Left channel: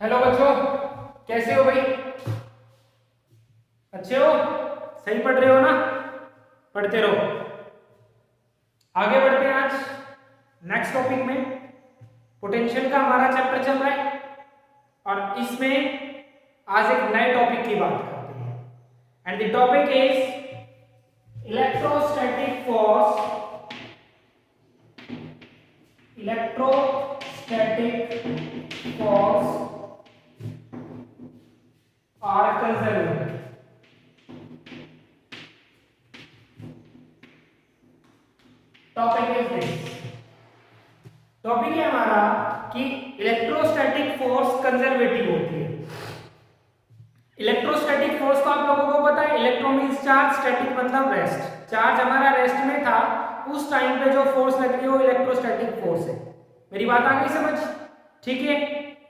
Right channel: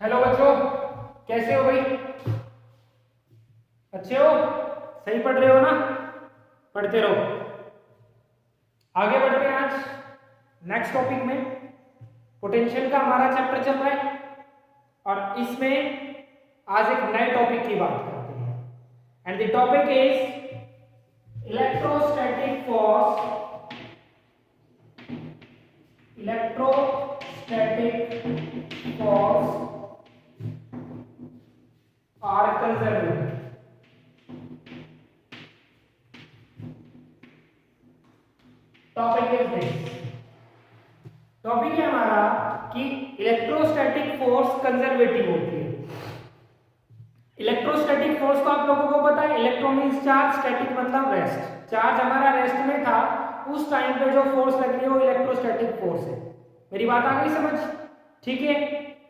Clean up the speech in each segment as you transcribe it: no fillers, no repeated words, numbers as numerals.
Hello बच्चों, कैसे हो भाई? अच्छे हो? सही पढ़ रहे हो ना? पढ़ते रहो। आगे बढ़ते हैं आज नेक्स्ट टॉपिक में। पोटेंशियल का हमारा चैप्टर चल रहा है और इसमें आज एक नए टॉपिक की बात करते हैं। And the topic is electrostatic force. Electrostatic force are conservative. Topic is this. Topic है हमारा कि इलेक्ट्रोस्टैटिक फोर्स कंजर्वेटिव होती है। इलेक्ट्रोस्टैटिक फोर्स तो आप लोगों को पता है, इलेक्ट्रो मींस चार्ज, स्टैटिक मतलब रेस्ट। चार्ज हमारा रेस्ट में था, उस टाइम पे जो फोर्स लग रही है वो इलेक्ट्रोस्टैटिक फोर्स है। मेरी बात आ गई समझ? ठीक है।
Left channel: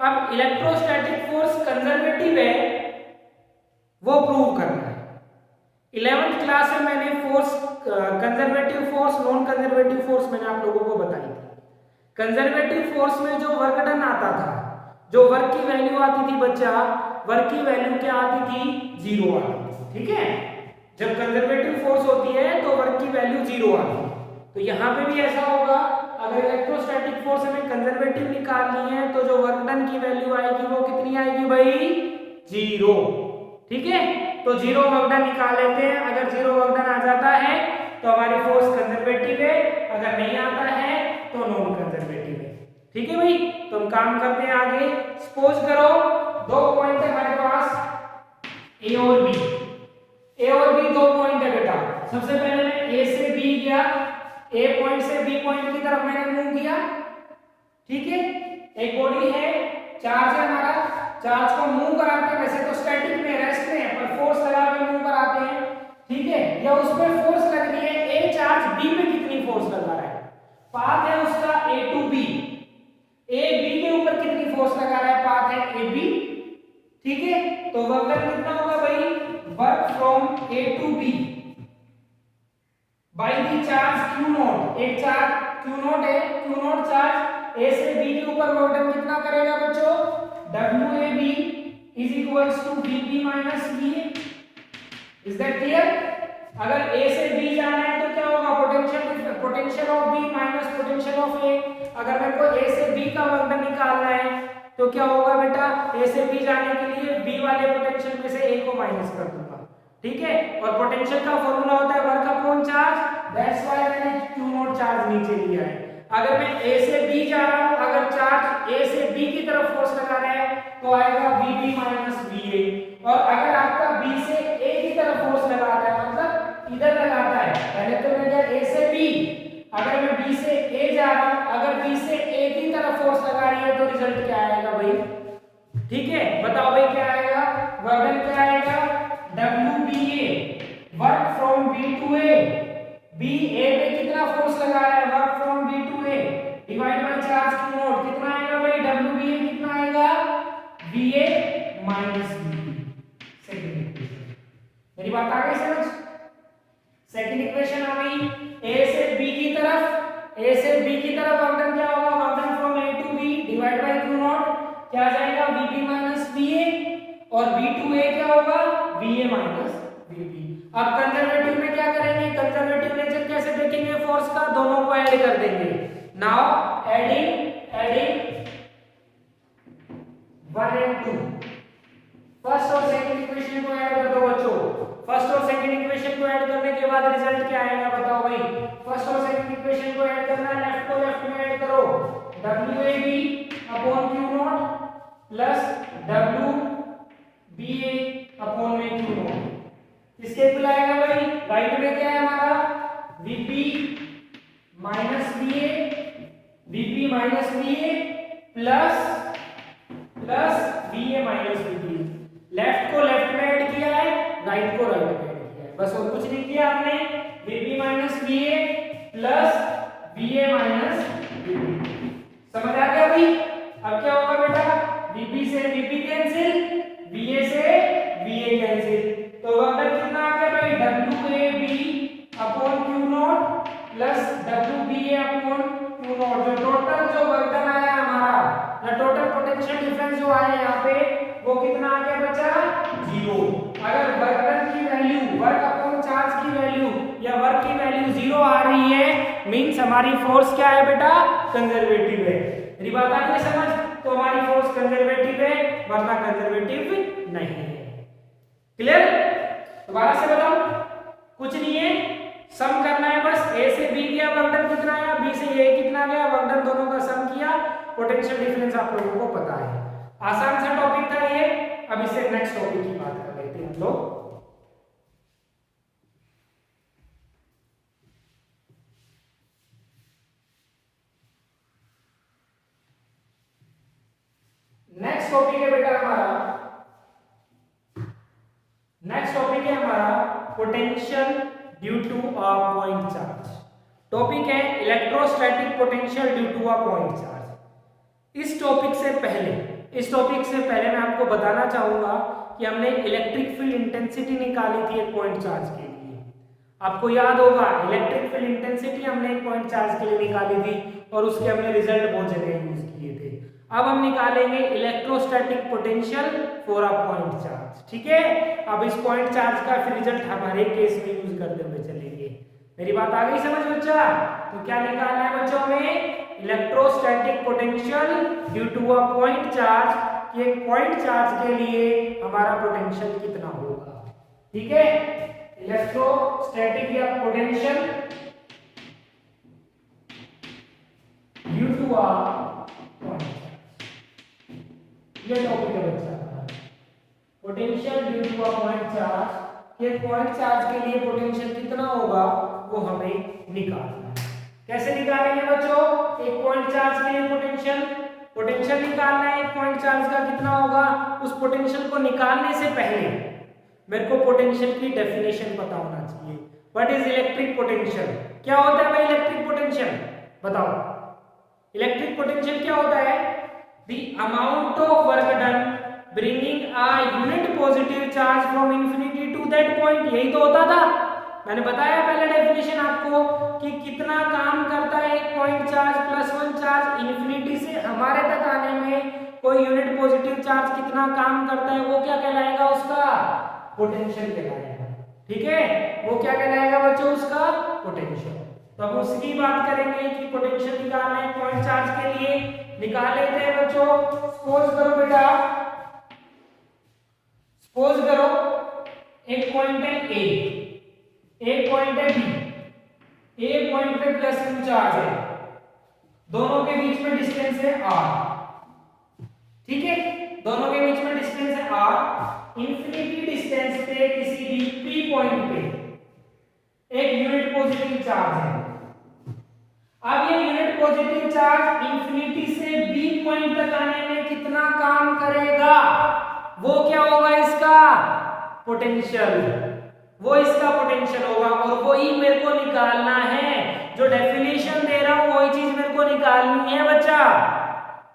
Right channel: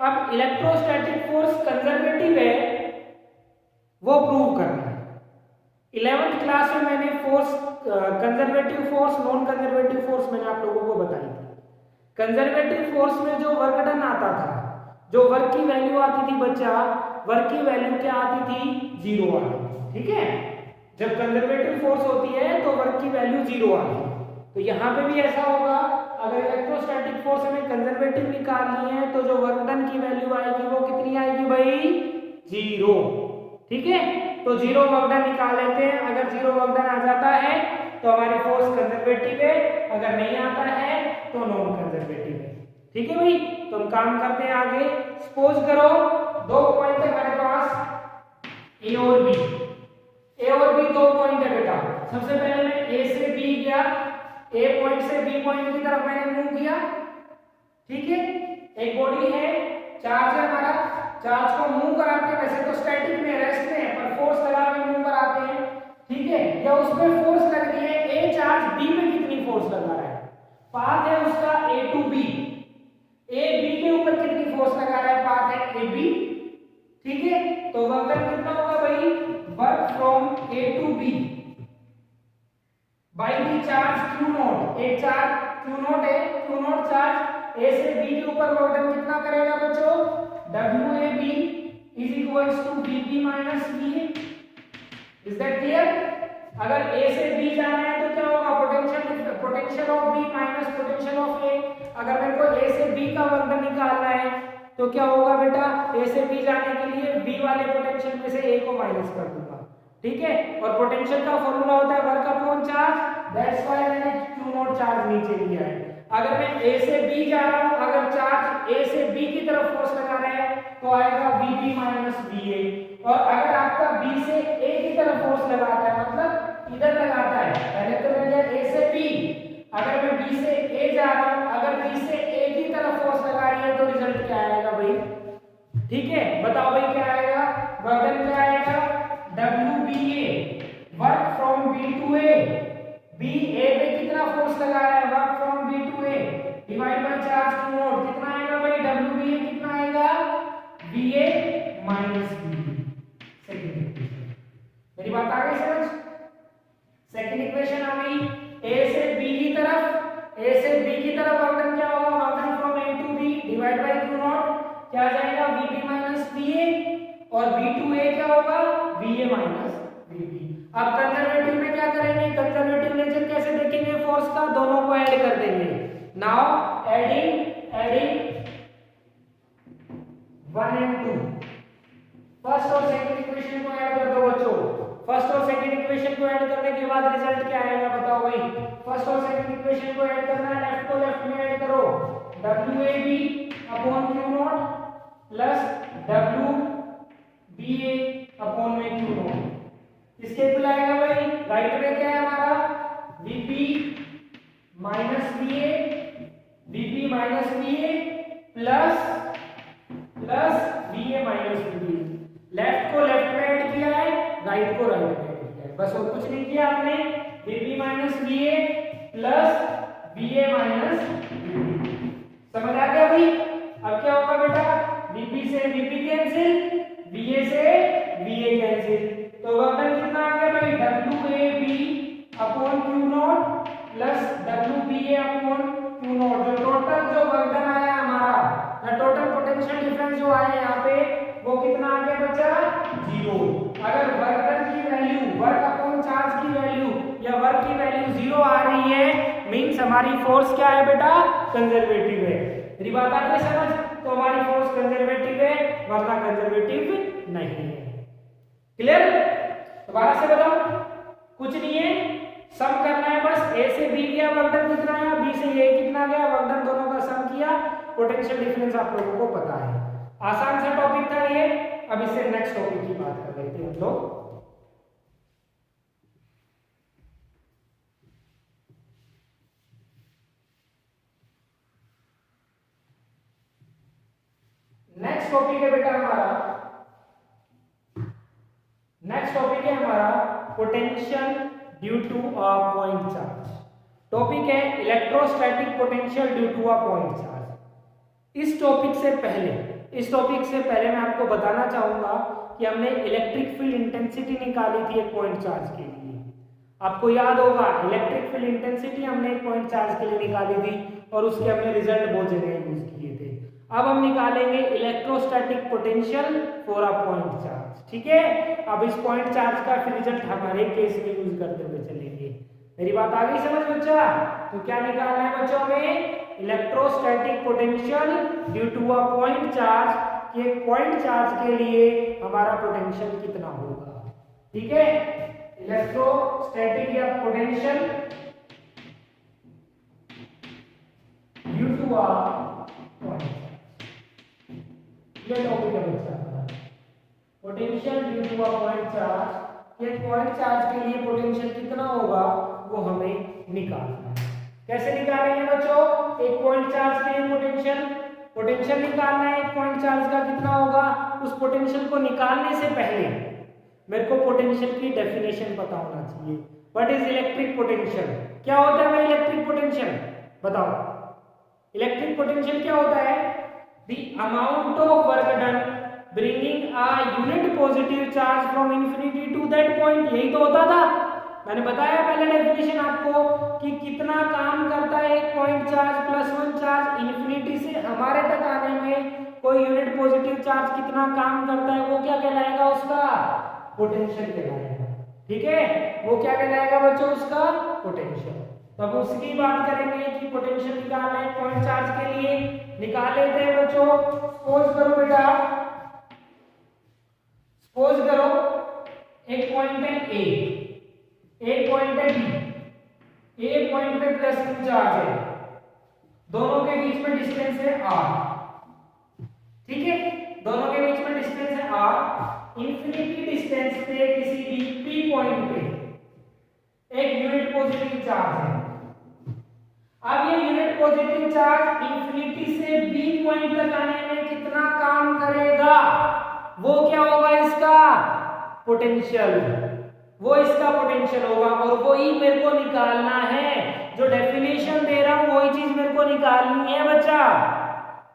अब इलेक्ट्रोस्टैटिक फोर्स कंजर्वेटिव है वो प्रूव करना है। 11th क्लास में मैंने force conservative force, non conservative force मैंने आप लोगों को बताई थी। कंजर्वेटिव फोर्स में जो वर्क डन आता था, जो वर्क की वैल्यू आती थी बच्चा, वर्क की वैल्यू क्या आती थी? जीरो आती थी। ठीक है। जब कंजर्वेटिव फोर्स होती है तो वर्क की वैल्यू जीरो आती है। तो यहाँ पे भी ऐसा होगा। अगर इलेक्ट्रोस्टैटिक फोर्स हमें कंजर्वेटिव निकालनी है तो जो वर्क डन की वैल्यू आएगी वो कितनी आएगी भाई? जीरो। ठीक है। तो जीरो वर्क डन निकाल लेते हैं। अगर जीरो वर्क डन आ जाता है तो हमारी फोर्स कंजर्वेटिव है, अगर नहीं आता है तो नॉन कंजर्वेटिव है। ठीक है भाई। तो हम काम करते हैं आगे। सपोज करो दो पॉइंट है हमारे पास, ए और बी। ए और बी दो पॉइंट है बेटा। सबसे पहले मैं ए से बी गया, ए पॉइंट से बी पॉइंट की तरफ मैंने मूव किया। ठीक है। एक बॉडी है, चार्ज है हमारा, चार्ज को मूव कराते हैं। वैसे तो स्टैटिक में, रेस्ट में है, पर फोर्स लगा के मूव कराते हैं। ठीक है। या उस पर फोर्स लग रही है, ए चार्ज बी पे कितनी फोर्स लगा रहा है? पाथ है उसका ए टू बी, ए बी के ऊपर कितनी फोर्स लगा रहा है? पाथ है ए बी। ठीक है। तो वर्क डन कितना होगा भाई? Work from A to B by the charge Q naught. एक चार्ज क्यू नॉट है, क्यू नॉट चार्ज ए से बी के ऊपर वर्क डन कितना करेगा बच्चों? WAB is equals to VB minus VA. Is that clear? अगर A से B जाना है तो क्या होगा? Potential of B minus potential of A। अगर मेरे को A से B का वर्क डन निकालना है तो क्या होगा बेटा? A से B जाने के लिए B वाले पोटेंशियल में से A को माइनस कर दूंगा। ठीक है। और पोटेंशियल का फॉर्मूला होता है work upon charge. That's why मैंने क्यू नॉट चार्ज नीचे लिया है। अगर मैं A से B जा रहा हूं, अगर चार्ज A से B की तरफ फोर्स लगा रहा है तो आएगा VB माइनस VA। और अगर आपका B से A की तरफ फोर्स लगाता है, मतलब इधर लगाता है, पहले तो मैं गया A से B, अगर मैं B से A जा रहा हूं, अगर B से A की तरफ फोर्स लगा रही है तो रिजल्ट क्या आएगा भाई? ठीक है। बताओ भाई क्या आएगा? वर्क डन क्या आएगा? WBA, work from B to A। B A पे कितना फोर्स लगा रहा है? Work from B to A divide by charge Q naught. कितना आएगा भाई? WBA कितना आएगा? VA minus VB। Second equation. मेरी बात आ गई समझ? सेकंड इक्वेशन आ गई। A से B की तरफ, A से B की तरफ वर्क डन क्या होगा? Work done from A to B divide by Q naught क्या आ जाएगा? VB minus VA। और B टू A क्या होगा? VA minus VB। अब कंजर्वेटिव में क्या करेंगे? कंजर्वेटिव नेचर कैसे देखेंगे फोर्स का? दोनों को ऐड कर देंगे। Now adding 1 and 2। फर्स्ट और सेकंड इक्वेशन को ऐड कर दो बच्चों। फर्स्ट और सेकंड इक्वेशन को ऐड करने के बाद रिजल्ट क्या आएगा बताओ भाई? फर्स्ट और सेकंड इक्वेशन को ऐड करना है, लेफ्ट को लेफ्ट में ऐड करो। WAB upon Q not plus WBA upon में क्यू नॉट। इसके इक्वल आएगा भाई? राइट में क्या है हमारा? VB minus VA, VB minus VA plus VA minus VB। Left को लेफ्ट में ऐड किया है, राइट को राइट में ऐड किया है, बस और कुछ नहीं किया हमने। VB minus VA plus VA minus VB। समझ आ गया भाई? अब क्या होगा बेटा? VB से VB कैंसिल, VA से VA कैंसिल, तो वर्क डन कितना आ गया भाई? WAB upon Q not plus WBA upon Q not. जो टोटल जो वर्क डन आया हमारा, या टोटल पोटेंशियल डिफरेंस जो आया यहाँ हमारी फोर्स क्या है बेटा, कंजर्वेटिव है। मेरी बात आ रही है समझ, तो हमारी फोर्स कंजर्वेटिव है वरना कंजर्वेटिव नहीं है। क्लियर? दोबारा से बताओ, कुछ नहीं है, सम करना है बस। ए से बी गया वर्कडन कितना आया, बी से ए कितना गया वर्कडन, दोनों का सम किया, पोटेंशियल डिफरेंस आप लोगों को पता है। आसान सा टॉपिक था ये। अब इससे नेक्स्ट टॉपिक की बात कर लेते हैं हम लोग। नेक्स्ट टॉपिक है बेटा हमारा, नेक्स्ट टॉपिक है हमारा potential due to a point charge. Topic है electrostatic potential due to a point charge. इस टॉपिक से पहले मैं आपको बताना चाहूंगा कि हमने इलेक्ट्रिक फील्ड इंटेंसिटी निकाली थी एक पॉइंट चार्ज के लिए। आपको याद होगा इलेक्ट्रिक फील्ड इंटेंसिटी हमने एक पॉइंट चार्ज के लिए निकाली थी और उसके हमने रिजल्ट बहुत जगह यूज किए थे। अब हम निकालेंगे electrostatic potential for a point charge. ठीक है, अब इस पॉइंट चार्ज का फिर रिजल्ट हमारे केस में यूज करते हुए चलेंगे। मेरी बात आ गई समझ बच्चा? तो क्या निकालना है बच्चों में, electrostatic potential due to a point charge. एक पॉइंट चार्ज के लिए हमारा पोटेंशियल कितना होगा। ठीक है, इलेक्ट्रोस्टैटिक या potential due to a point charge, ये टॉपिक है बच्चा। Potential due to a point charge, एक पॉइंट चार्ज के लिए पोटेंशियल कितना होगा वो हमें निकालना है। कैसे निकालेंगे बच्चों, एक पॉइंट चार्ज के लिए पोटेंशियल निकालना है, एक पॉइंट चार्ज का कितना होगा। उस पोटेंशियल को निकालने से पहले मेरे को पोटेंशियल की डेफिनेशन पता होना चाहिए। What is electric potential? क्या होता है भाई इलेक्ट्रिक पोटेंशियल, बताओ। इलेक्ट्रिक पोटेंशियल क्या होता है, the amount of work done bringing a unit positive charge from infinity to that point. यही तो होता था, मैंने बताया पहले डेफिनेशन आपको कि कितना काम करता है एक point charge plus one charge infinity से हमारे तक आने में। कोई यूनिट पॉजिटिव चार्ज कितना काम करता है वो क्या कहलाएगा, उसका पोटेंशियल कहलाएगा। ठीक है, वो क्या कहलाएगा बच्चों, उसका पोटेंशियल। तो अब उसकी बात करेंगे कि पोटेंशियल निकालना है पॉइंट चार्ज के लिए। निकाल लेते हैं बच्चों। सपोज करो बेटा, सपोज करो एक पॉइंट है ए, एक पॉइंट है बी। ए पॉइंट पे प्लस क्यू चार्ज है, दोनों के बीच में डिस्टेंस है आर। ठीक है, दोनों के बीच में डिस्टेंस है आर। इंफिनिटी डिस्टेंस पे किसी भी पी पॉइंट पे एक यूनिट पॉजिटिव चार्ज है। अब ये यूनिट पॉजिटिव चार्ज इंफिनिटी से बी पॉइंट तक आने में कितना काम करेगा, वो क्या होगा, इसका पोटेंशियल। वो इसका पोटेंशियल होगा और वही मेरे को निकालना है। जो डेफिनेशन दे रहा हूं वही चीज मेरे को निकालनी है बच्चा।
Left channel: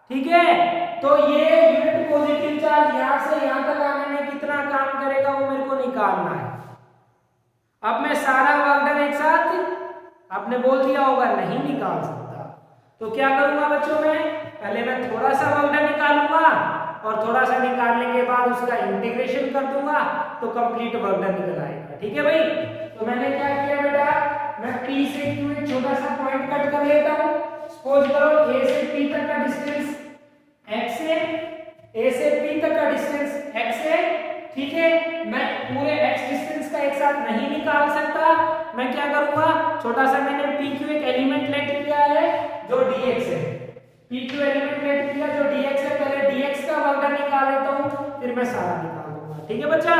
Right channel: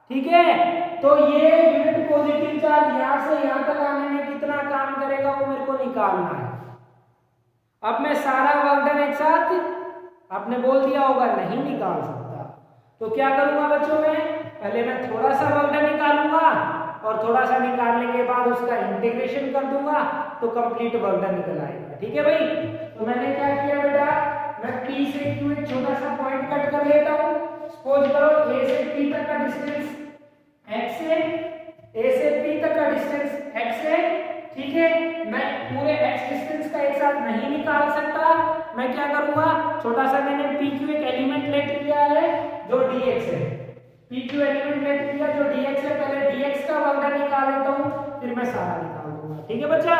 ठीक है, तो ये यूनिट पॉजिटिव चार्ज यहां से यहां तक आने में कितना काम करेगा वो मेरे को निकालना है। अब मैं सारा वर्क डन एक साथ आपने बोल दिया होगा नहीं निकाल सकता, तो क्या करूंगा बच्चों में, पहले मैं थोड़ा सा वर्क डन निकालूंगा और थोड़ा सा निकालने के बाद उसका इंटीग्रेशन कर दूंगा तो कंप्लीट वर्क डन निकल आएगा। ठीक है भाई, तो मैंने क्या किया बेटा, मैं P से Q एक छोटा सा पॉइंट कट कर लेता हूं। सपोज करो A से P तक का डिस्टेंस x है, A से P तक का डिस्टेंस x है। ठीक है, मैं पूरे x डिस्टेंस का एक साथ नहीं निकाल सकता, मैं क्या करूंगा, छोटा सा मैंने PQ एक एलिमेंट लेट लिया है जो dx है। PQ एलिमेंट लेट किया जो dx है, पहले dx का वर्क डन निकाल लेता हूं, फिर मैं सारा निकाल दूंगा। ठीक है बच्चा,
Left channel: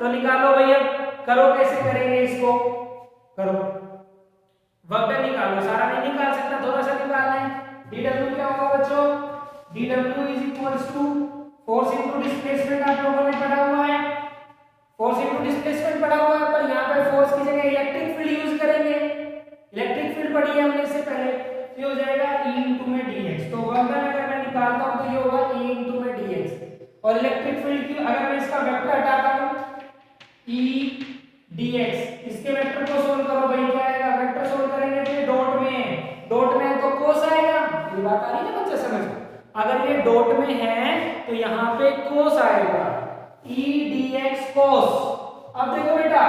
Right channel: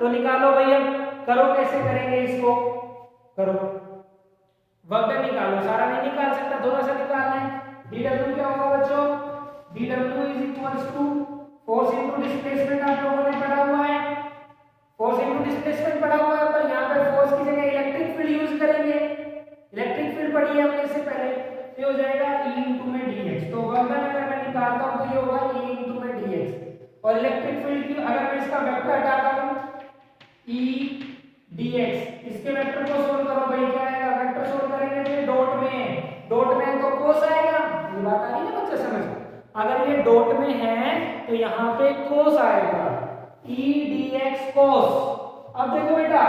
तो निकालो भैया, करो कैसे करेंगे इसको, करो वर्क डन निकालो। सारा नहीं निकाल सकता, थोड़ा सा निकालना है। dw क्या होगा बच्चों, dw is equals to force into displacement. आप लोगों ने पढ़ा हुआ है, फोर्स इनटू डिस्प्लेसमेंट पढ़ा हुआ है, पर यहाँ पे फोर्स की जगह इलेक्ट्रिक फील्ड यूज करेंगे। इलेक्ट्रिक फील्ड पढ़ी है हमने इससे पहले, ये हो जाएगा E इनटू में dx। तो वर्क डन अगर मैं निकालता हूं तो ये होगा E इनटू में dx। और इलेक्ट्रिक फील्ड की अगर मैं इसका वेक्टर हटाता हूं E dx, इसके वेक्टर को सोल्व करो भाई, क्या आएगा, वेक्टर सोल्व करेंगे तो ये डॉट में है, डॉट में है तो कोस आएगा। ये बात आ रही है बच्चे समझ, अगर ये डॉट में है तो यहाँ पे कोस आएगा, E dx कोस। अब देखो बेटा,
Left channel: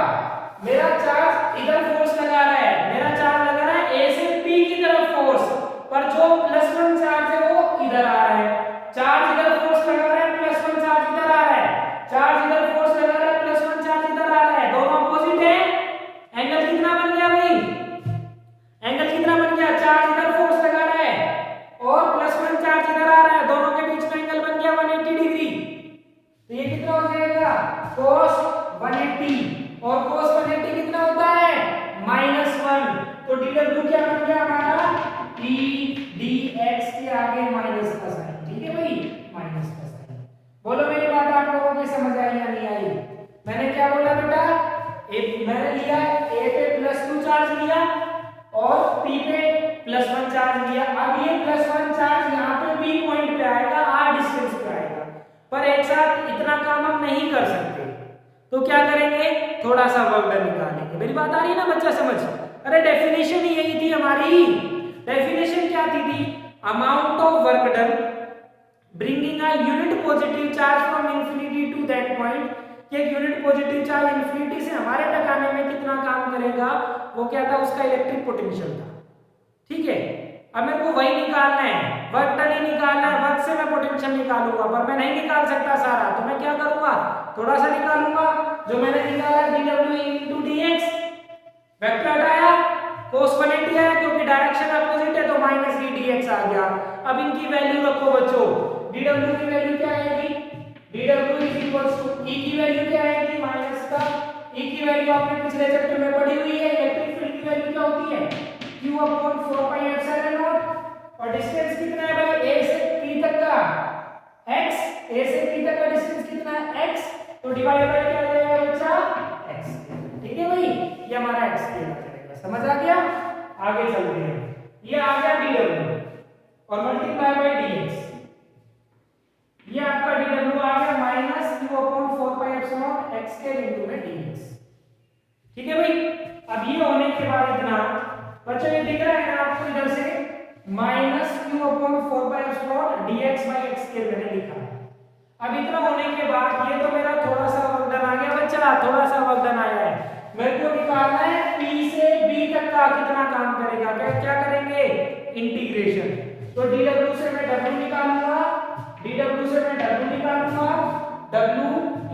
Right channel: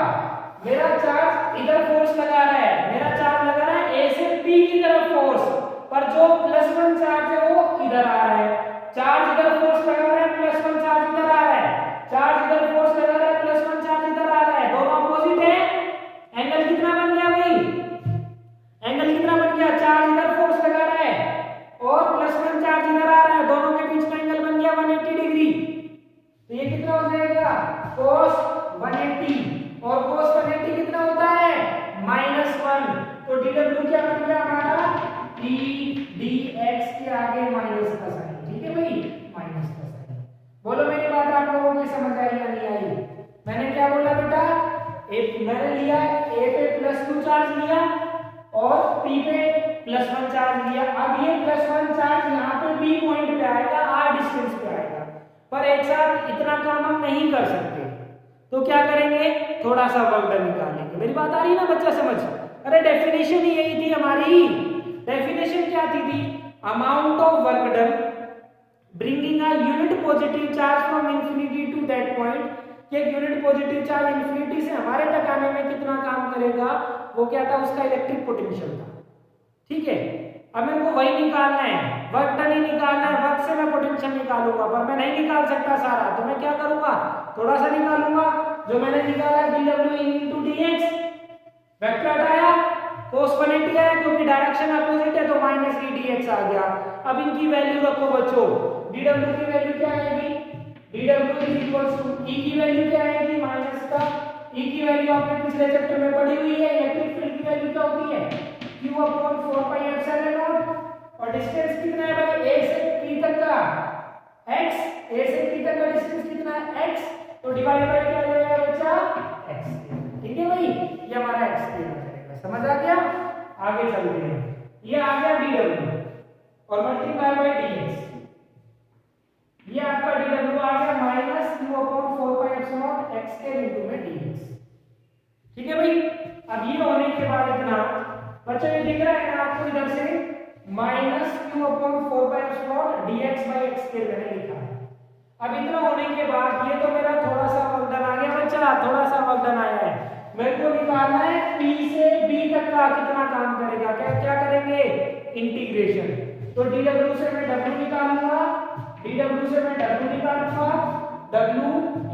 मेरा चार्ज इधर फोर्स लगा रहा है, मेरा चार्ज लगा रहा है A से P पी की तरफ फोर्स, पर जो +1 चार्ज है वो इधर आ रहा है, चार्ज इधर फोर्स लगा रहा है, +1 चार्ज इधर आ रहा है, चार्ज इधर फोर्स लगा रहा है, +1 चार्ज इधर आ रहा है, दोनों अपोजिट है। एंगल कितना बन गया भाई, एंगल कितना बन गया, चार्ज इधर फोर्स लगा रहा है और +1 चार्ज इधर आ रहा है, दोनों के बीच में एंगल बन गया 180 डिग्री। तो ये कितना हो जाएगा, cos 180, और cos 180 कितना होता है, -1। तो dw क्या बन गया हमारा, p dx के आगे माइनस का साइन, ठीक है भाई, माइनस का साइन। बोलो मेरी बात आप लोगों को समझ आई या नहीं आई? मैंने क्या बोला बेटा, मैंने लिया a पे +2 चार्ज लिया और p पे +1 चार्ज लिया। अब ये +1 चार्ज यहाँ पे p पॉइंट पे आएगा, r डिस्टेंस पे आएगा, पर एक साथ इतना काम हम नहीं कर सकते, तो क्या करेंगे, थोड़ा सा वर्क डन निकालेंगे। मेरी बात आ रही है ना बच्चा समझ? अरे डेफिनेशन ही यही थी हमारी, डेफिनेशन क्या थी, amount of work done bringing a unit positive charge from infinity to that point, कि एक यूनिट पॉजिटिव चार्ज इंफिनिटी से हमारे तक आने में कितना काम करेगा, वो क्या था, उसका इलेक्ट्रिक पोटेंशियल था, ठीक है। अब मेरे को वही निकालना है, वर्क डन ही निकालना है, वर्क से मैं पोटेंशियल निकालूंगा, पर मैं नहीं निकाल सकता सारा, तो मैं क्या करूंगा, थोड़ा सा निकालूंगा। जो मैंने निकाला dw into dx, वेक्टर हटाया, cos 180 आया, क्योंकि डायरेक्शन अपोजिट है तो -d dx आ गया। अब इनकी वैल्यू रखो बच्चों, dw की वैल्यू क्या आएगी, dw is equals to E की वैल्यू क्या आएगी, माइनस का E की वैल्यू आपने पिछले चैप्टर में पढ़ी हुई है, इलेक्ट्रिक फील्ड की वैल्यू क्या होती है, q upon 4 pi epsilon not, और डिस्टेंस कितना है भाई, a से p तक का x, a से p तक का डिस्टेंस कितना है x, तो डिवाइड बाय क्या आ जाएगा बच्चा, x, ठीक है भाई, ये हमारा x आ जाएगा, समझ आ गया। आगे चलते हैं, ये आ गया dw और मल्टीप्लाई बाय dx, ये आपका dw आ गया minus q upon 4 pi epsilon x के इनटू में dx, ठीक है भाई। अब ये होने के बाद इतना बच्चों ये दिख रहा है ना आपको इधर से, minus q upon 4 pi epsilon dx by x के मैंने लिखा है। अब इतना होने के बाद ये तो मेरा थोड़ा सा वर्कडन आ गया बच्चा, थोड़ा सा वर्कडन आया है, मेरे को निकालना है p से b तक का कितना काम करेगा, क्या करेंगे, इंटीग्रेशन। तो dw से मैं w निकालूंगा, dw से मैं w निकालूंगा, w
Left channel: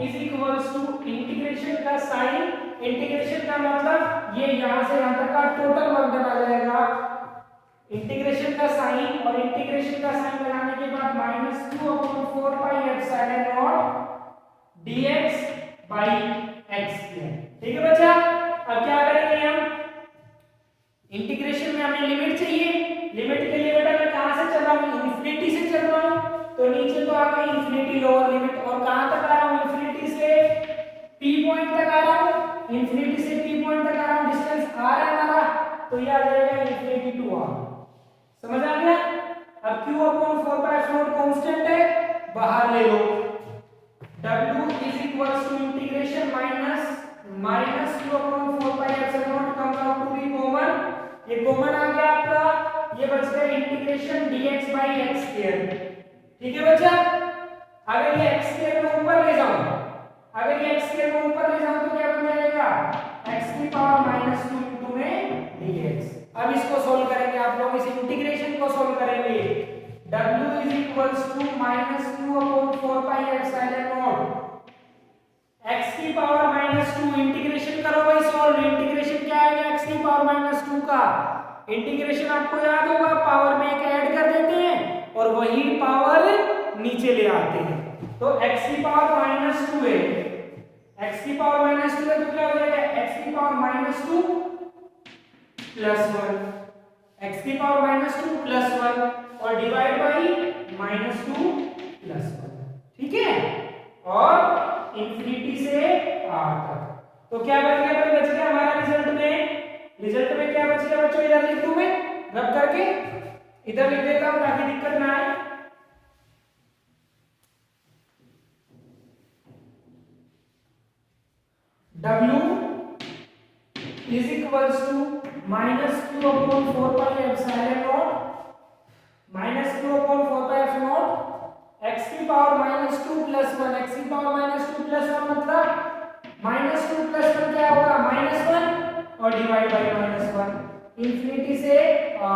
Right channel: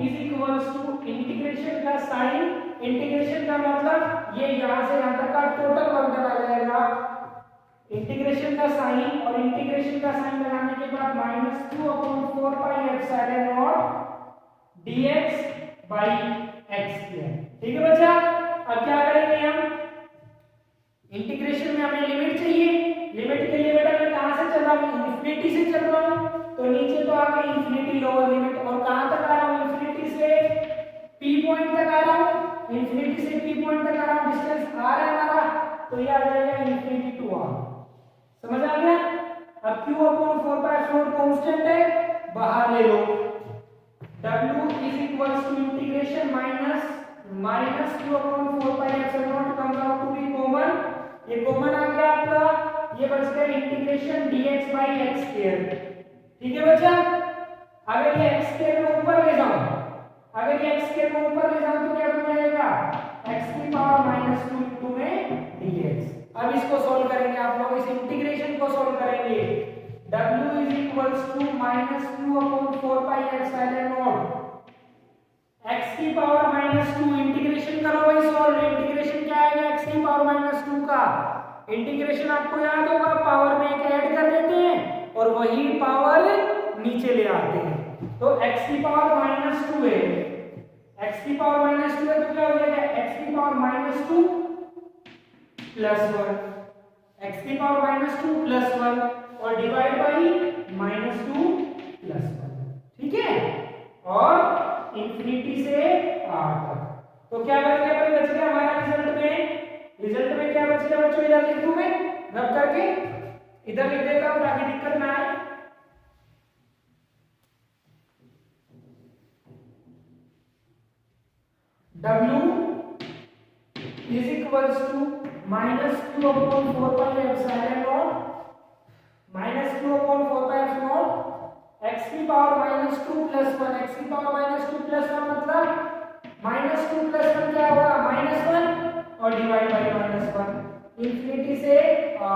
is equals to integration का साइन, इंटीग्रेशन का मतलब ये यहां से यहां तक का टोटल वर्कडन आ जाएगा, इंटीग्रेशन का साइन, और इंटीग्रेशन का साइन लगाने के बाद -q upon 4 pi epsilon not dx by x किया, ठीक है बच्चा। अब क्या करेंगे हम, इंटीग्रेशन में हमें लिमिट चाहिए, लिमिट के लिए बेटा मैं कहां से चल रहा हूं, इंफिनिटी से चल रहा हूं, तो नीचे तो आ गई इंफिनिटी लोअर लिमिट, और कहां तक आ रहा हूं, इंफिनिटी से p पॉइंट तक आ रहा हूं, इंफिनिटी से p पॉइंट तक आ रहा हूं, डिस्टेंस r है हमारा, तो ये आ जाएगा इंफिनिटी टू r, समझ आ गया। अब q upon 4 pi epsilon constant है, बाहर ले लो, w is equals to integration minus q upon 4 pi epsilon comes out to be common, ये कॉमन आ गया आपका, ये बच गया integration dx by x square, ठीक है बच्चा। अगर ये x स्क्वायर को ऊपर ले जाऊं, अगर ये x स्क्वायर को ऊपर ले जाऊं तो क्या बन जाएगा, x की पावर -2 इनटू में dx। अब इसको सॉल्व करेंगे आप लोग, इस इंटीग्रेशन को सॉल्व करेंगे, w is equals to -q upon 4 pi epsilon naught x की पावर -2, इंटीग्रेशन करो भाई सॉल्व, इंटीग्रेशन क्या आएगा, x की पावर -2 का इंटीग्रेशन आपको याद होगा, पावर में एक ऐड कर देते हैं और वही पावर नीचे ले आते हैं, तो x की पावर -2 है, x की पावर -2 है तो क्या हो जाएगा, x की पावर -2 प्लस 1, x की पावर -2 प्लस 1 और डिवाइड बाई -2 प्लस 1, ठीक है, और इंफिनिटी से r तक। तो क्या बच गया भाई, बच गया हमारा रिजल्ट में क्या बच गया बच्चों, इधर लिख दूं मैं, रब करके इधर लिख देता हूं ताकि दिक्कत ना आए। w is equals to -q upon 4 pi epsilon naught, -q upon 4 pi epsilon naught x की पावर -2 प्लस 1, x की पावर -2 प्लस 1 मतलब -2 प्लस 1 क्या होगा, -1 और डिवाइड बाई -1, इंफिनिटी से r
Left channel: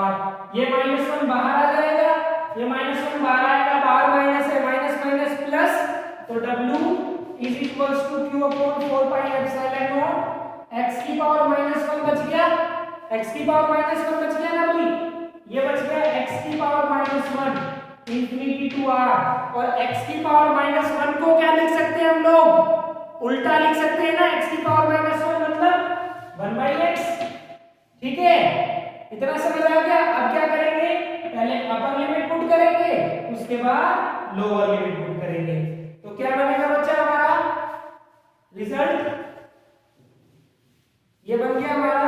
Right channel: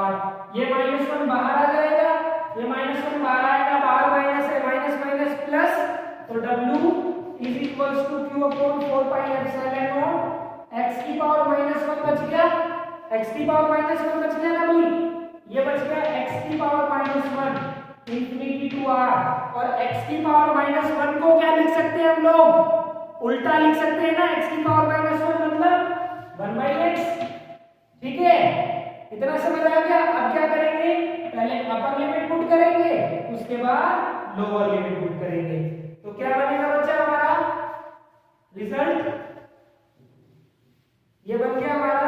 तो W is equals to Q upon 4 pi epsilon naught x की power -1 बच गया, x की पावर -1 बच गया ना भाई, ये बच गया x की पावर -1 इंफिनिटी टू r, और x की पावर -1 को क्या लिख सकते हैं हम लोग, उल्टा लिख सकते हैं ना, x की पावर -1 मतलब 1/x, ठीक है, इतना समझ आ गया। अब क्या करेंगे, पहले अपर लिमिट पुट करेंगे, उसके बाद लोअर लिमिट पुट करेंगे, तो क्या बनेगा बच्चा हमारा रिजल्ट, ये बन गया हमारा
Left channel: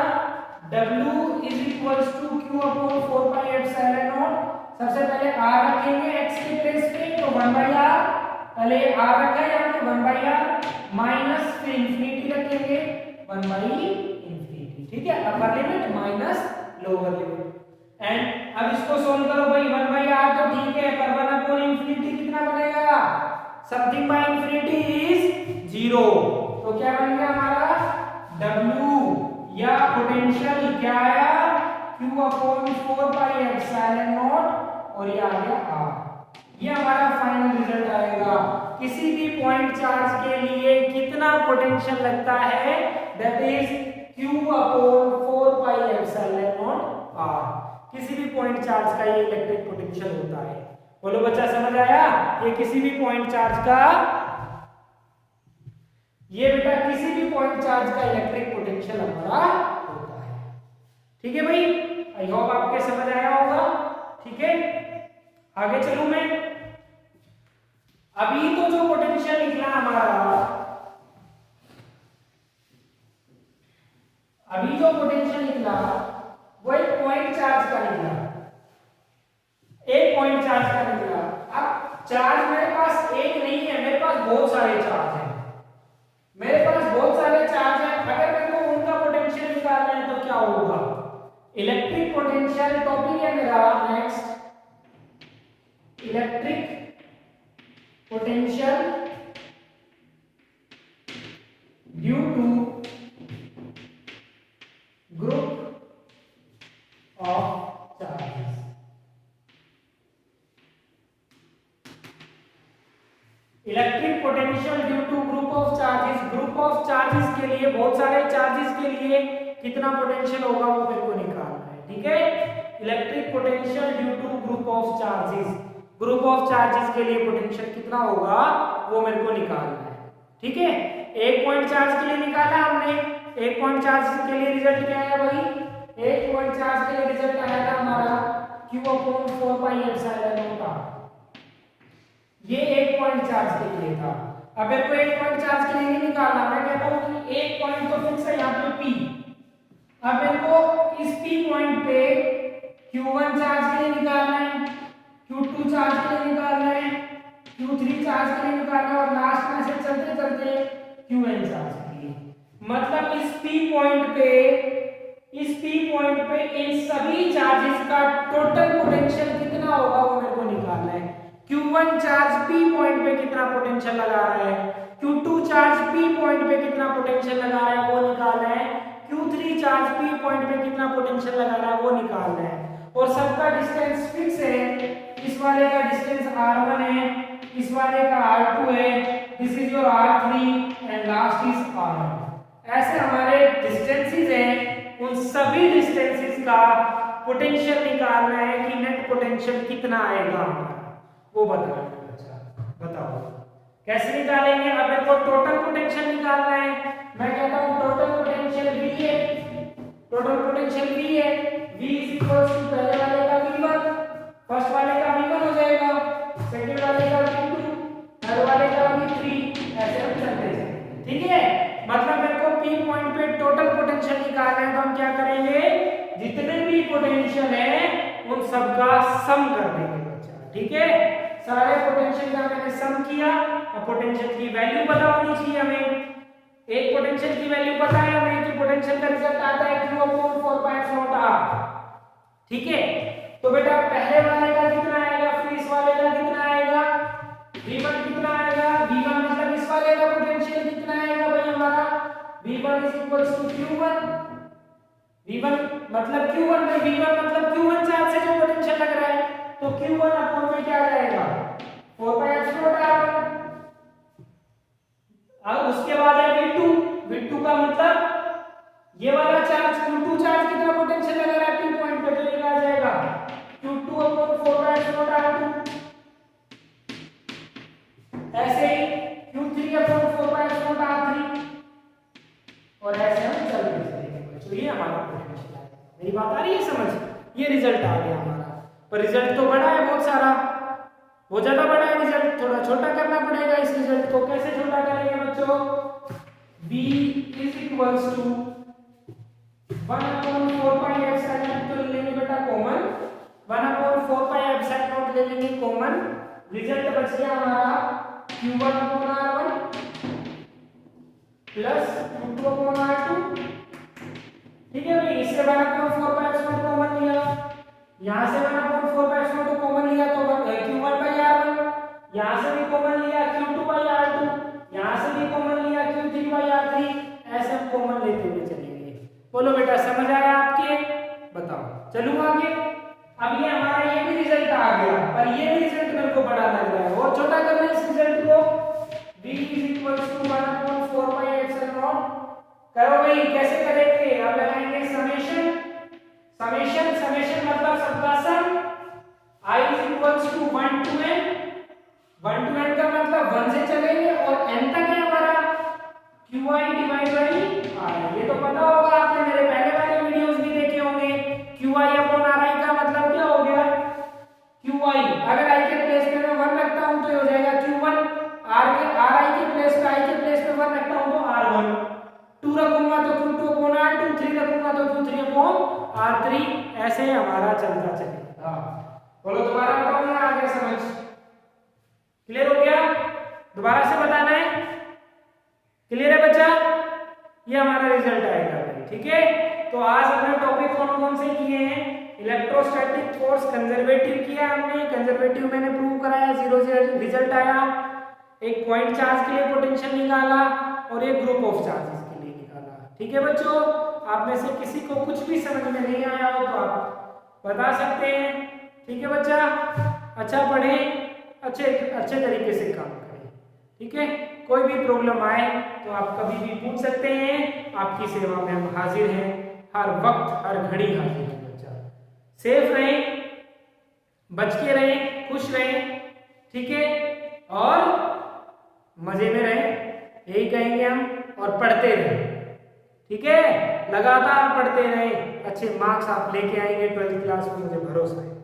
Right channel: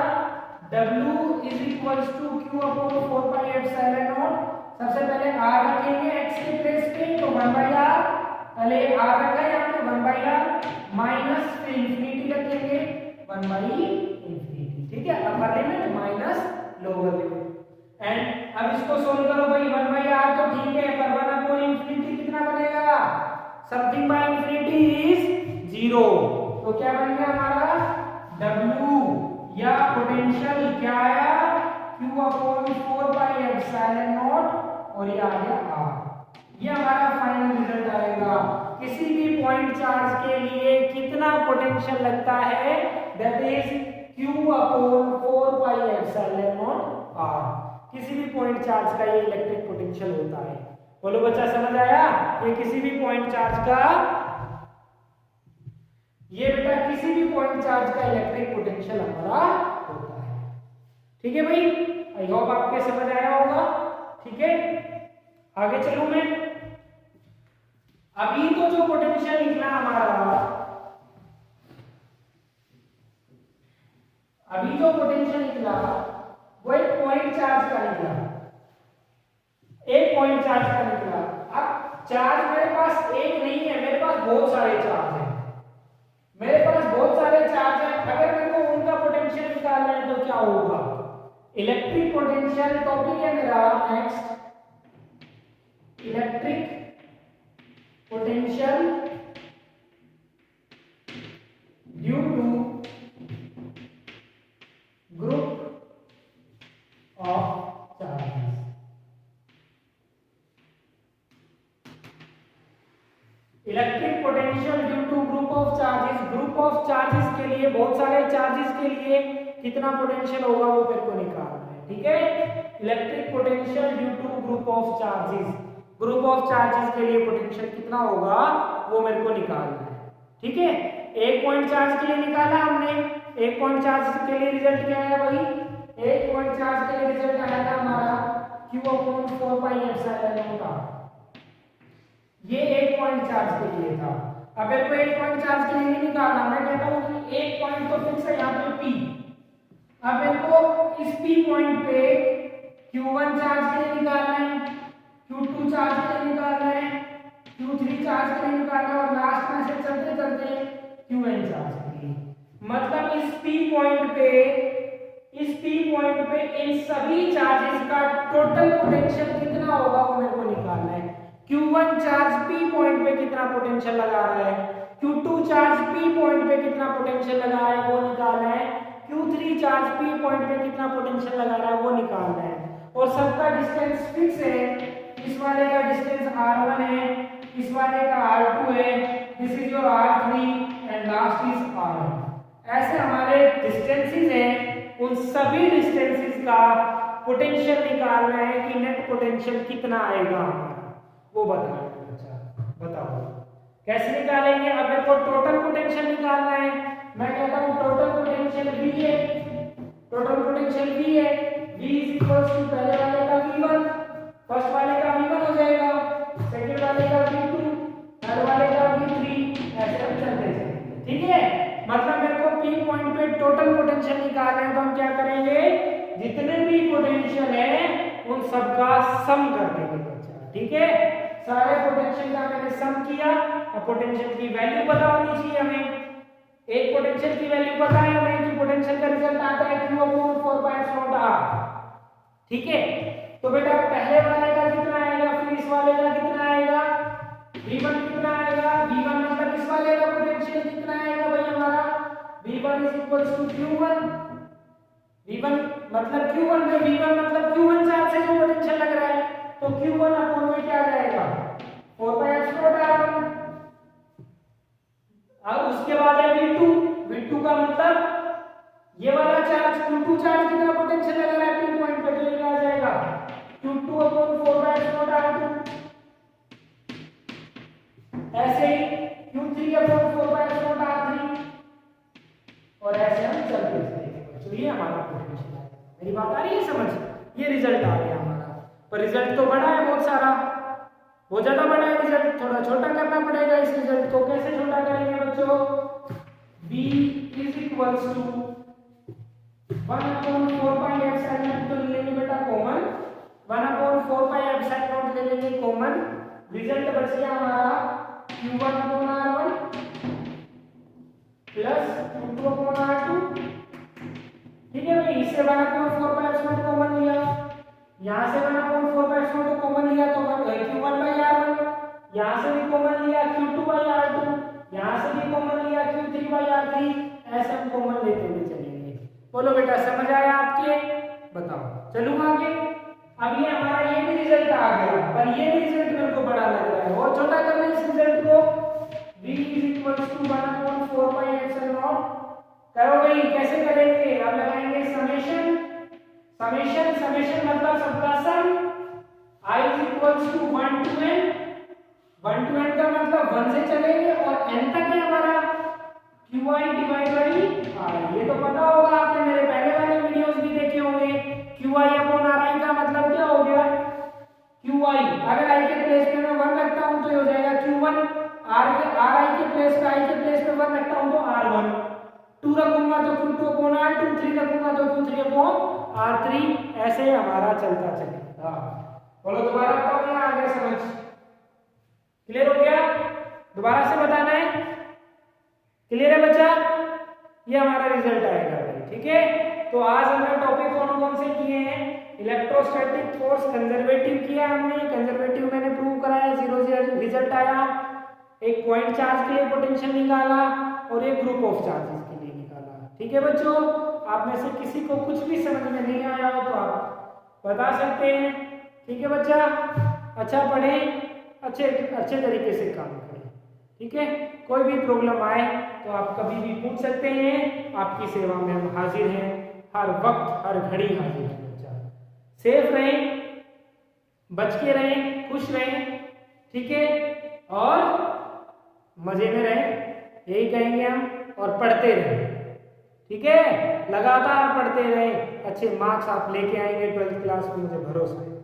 W is equals to Q upon 4 pi epsilon naught, सबसे पहले r रखेंगे x की प्लेस पे, तो 1/r, पहले r रखा है यहाँ पे 1/r माइनस फिर इंफिनिटी रखेंगे 1/इंफिनिटी, ठीक है, upper limit minus lower limit, and अब इसको सोल्व करो भाई, 1/r तो ठीक है, पर 1/इंफिनिटी कितना बनेगा, समथिंग बाय इंफिनिटी इज 0, तो क्या बन गया हमारा W या पोटेंशियल क्या आया Q upon 4 pi epsilon not, और ये आ गया R, ये हमारा फाइनल रिजल्ट आएगा। किसी भी पॉइंट चार्ज के लिए कितना पोटेंशियल लगता है, that is Q upon 4 pi epsilon not R, किसी भी पॉइंट चार्ज का ये इलेक्ट्रिक पोटेंशियल होता है। बोलो बच्चा समझ आया, ये किसी भी पॉइंट चार्ज का, ये बेटा किसी भी पॉइंट चार्ज का इलेक्ट्रिक पोटेंशियल हमारा होता है, ठीक है भाई, आई होप आपके समझ आया होगा, ठीक है, आगे चलूं मैं। अभी तो जो पोटेंशियल निकला हमारा, अभी जो पोटेंशियल निकला वो एक पॉइंट चार्ज का निकला, एक पॉइंट चार्ज का निकला। अब चार्ज मेरे पास एक नहीं है, मेरे पास बहुत सारे चार्ज हैं, मेरे पास बहुत सारे चार्ज हैं, अगर मेरे को उनका पोटेंशियल निकालना है तो क्या होगा, इलेक्ट्रिक पोटेंशियल टॉपिक है मेरा next, electric potential due to group of charges, electric potential due to group of charges, group of charges के लिए, बहुत सारे चार्जेस के लिए कितना पोटेंशियल होगा वो मेरे को निकालना है, ठीक है, electric potential due to group of charges, group of charges के लिए पोटेंशियल कितना होगा वो मेरे को निकालना है, ठीक है, एक पॉइंट चार्ज के लिए निकाला हमने, एक पॉइंट चार्ज के लिए रिजल्ट क्या आया भाई, एक पॉइंट चार्ज के लिए रिजल्ट आया था हमारा Q upon 4 pi epsilon not, ये एक पॉइंट चार्ज के लिए था। अब मेरे को एक पॉइंट चार्ज के लिए नहीं निकालना, मैं कहता हूं कि एक पॉइंट तो फिक्स है यहाँ पे P, अब मेरे को इस P पॉइंट पे Q1 चार्ज के लिए निकालना है, Q2 चार्ज के लिए निकालना है, Q3 चार्ज के लिए निकालना है, और लास्ट में से चलते चलते Qn चार्ज के लिए, मतलब इस P पॉइंट पे इन सभी चार्जेस का टोटल पोटेंशियल कितना होगा वो मेरे को निकालना है। Q1 चार्ज P पॉइंट पे कितना पोटेंशियल लगा रहा है, Q2 चार्ज P पॉइंट पे कितना पोटेंशियल लगा रहा है वो निकालना है, Q3 चार्ज P पॉइंट पे कितना पोटेंशियल लगा रहा है वो निकालना है, और सबका डिस्टेंस फिक्स है, इस वाले का डिस्टेंस R1 है, इस वाले का R2 है, this is your R3 and last is R1, ऐसे हमारे डिस्टेंसेस हैं, उन सभी डिस्टेंसेस का पोटेंशियल निकालना है कि नेट पोटेंशियल कितना आएगा हमारा वो बताना है। अच्छा बताओ कैसे निकालेंगे, अब मेरे को टोटल पोटेंशियल निकालना है, मैं कहता हूं टोटल पोटेंशियल V है, टोटल पोटेंशियल V है, V इज इक्वल टू पहले वाले का V1, फर्स्ट वाले का V1 हो जाएगा, सेकंड वाले का V2, थर्ड वाले का V3, ऐसे हम चलते चलेंगे, ठीक है, मतलब मेरे को P पॉइंट पे टोटल पोटेंशियल निकालना है, तो हम क्या करेंगे, जितने भी पोटेंशियल है उन सबका सम कर देंगे बच्चा, ठीक है, सारे पोटेंशियल का मैंने सम किया, और पोटेंशियल की वैल्यू पता होनी चाहिए हमें, एक पोटेंशियल की वैल्यू पता है हमें कि पोटेंशियल का रिजल्ट आता है Q upon 4 pi epsilon R, ठीक है, तो बेटा पहले वाले का कितना आएगा, फिर इस वाले का कितना आएगा, V1 कितना आएगा, V1 मतलब इस वाले का पोटेंशियल कितना आएगा भाई हमारा, V1 is equals to Q1, V1 मतलब Q1 में, V1 मतलब Q1 चार्ज से जो पोटेंशियल लग रहा है, तो Q1 अपॉन में क्या आ जाएगा 4 पाई एप्सिलॉन R1, रिजल्ट तो बड़ा है बहुत सारा, बहुत ज्यादा बड़ा है रिजल्ट, थोड़ा छोटा करना पड़ेगा इस रिजल्ट को। कैसे छोटा करेंगे बच्चों? v is equals to 1/4 pi epsilon, तो ले लेंगे बेटा कॉमन, 1/4 पाई एप्सिलॉन ले लेंगे कॉमन। रिजल्ट बच गया हमारा q1/r1 प्लस q2/r2। ठीक है भाई, इससे 1/4 पाई एप्सिलॉन कॉमन लिया, यहाँ से 1/4 पाई एप्सिलॉन को कॉमन लिया तो q1/r1, यहाँ से भी कॉमन लिया q2/r2, यहाँ से भी कॉमन लिया q3/r3, ऐसे हम कॉमन लेते हुए चलेंगे। बोलो बेटा समझ आया आपके? बताओ, चलूँ आगे। अब ये हमारा ये भी रिजल्ट आ गया, पर ये भी रिजल्ट मेरे को बड़ा लग रहा है, और छोटा करना है इस रिजल्ट को। v is equals to 1/4 pi epsilon. करो भाई, कैसे करेंगे? अब लगाएंगे समेशन, समेशन समेशन मतलब सबका sum, i is equals to 1 to n, 1 to n का मतलब 1 से चलेंगे और n तक है हमारा qi डिवाइड बाई r। ये तो पता होगा, आपने मेरे पहले वाले वीडियोस भी देखे होंगे। qi अपॉन ri का मतलब क्या हो गया? qi, अगर i के प्लेस पे मैं 1 रखता हूं तो ये हो जाएगा q1, ri के प्लेस पे i के प्लेस पे 1 रखता हूं तो r1, 2 रखूंगा तो q2 अपॉन r2, 3 रखूंगा तो q3 अपॉन r3, ऐसे हमारा चलता चलेगा। बोलो दोबारा बताओ ना, आगे समझ क्लियर हो गया? दोबारा से बताना है, क्लियर है बच्चा? ये हमारा रिजल्ट आएगा भाई, ठीक है। तो आज हमने टॉपिक कौन कौन से किए हैं? इलेक्ट्रोस्टैटिक फोर्स कंजर्वेटिव किया हमने, कंजर्वेटिव मैंने प्रूव कराया, 0 रिजल्ट आया। एक पॉइंट चार्ज के लिए पोटेंशियल निकाला और एक ग्रुप ऑफ चार्जेस के लिए निकाला। ठीक है बच्चों, आप में से किसी को कुछ भी समझ में नहीं आया हो तो आप बता सकते हैं। ठीक है बच्चा, अच्छा पढ़ें, अच्छे तरीके से काम करें। ठीक है, कोई भी प्रॉब्लम आए तो आप कभी भी पूछ सकते हैं, आपकी सेवा में हम हाजिर हैं, हर वक्त हर घड़ी हाजिर हैं। बच्चा सेफ रहें, बच के रहें, खुश रहें, ठीक है, और मजे में रहें, यही कहेंगे हम। और पढ़ते रहें, ठीक है, लगातार पढ़ते रहें, अच्छे मार्क्स आप लेके आएंगे 12th क्लास में, मुझे भरोसा है।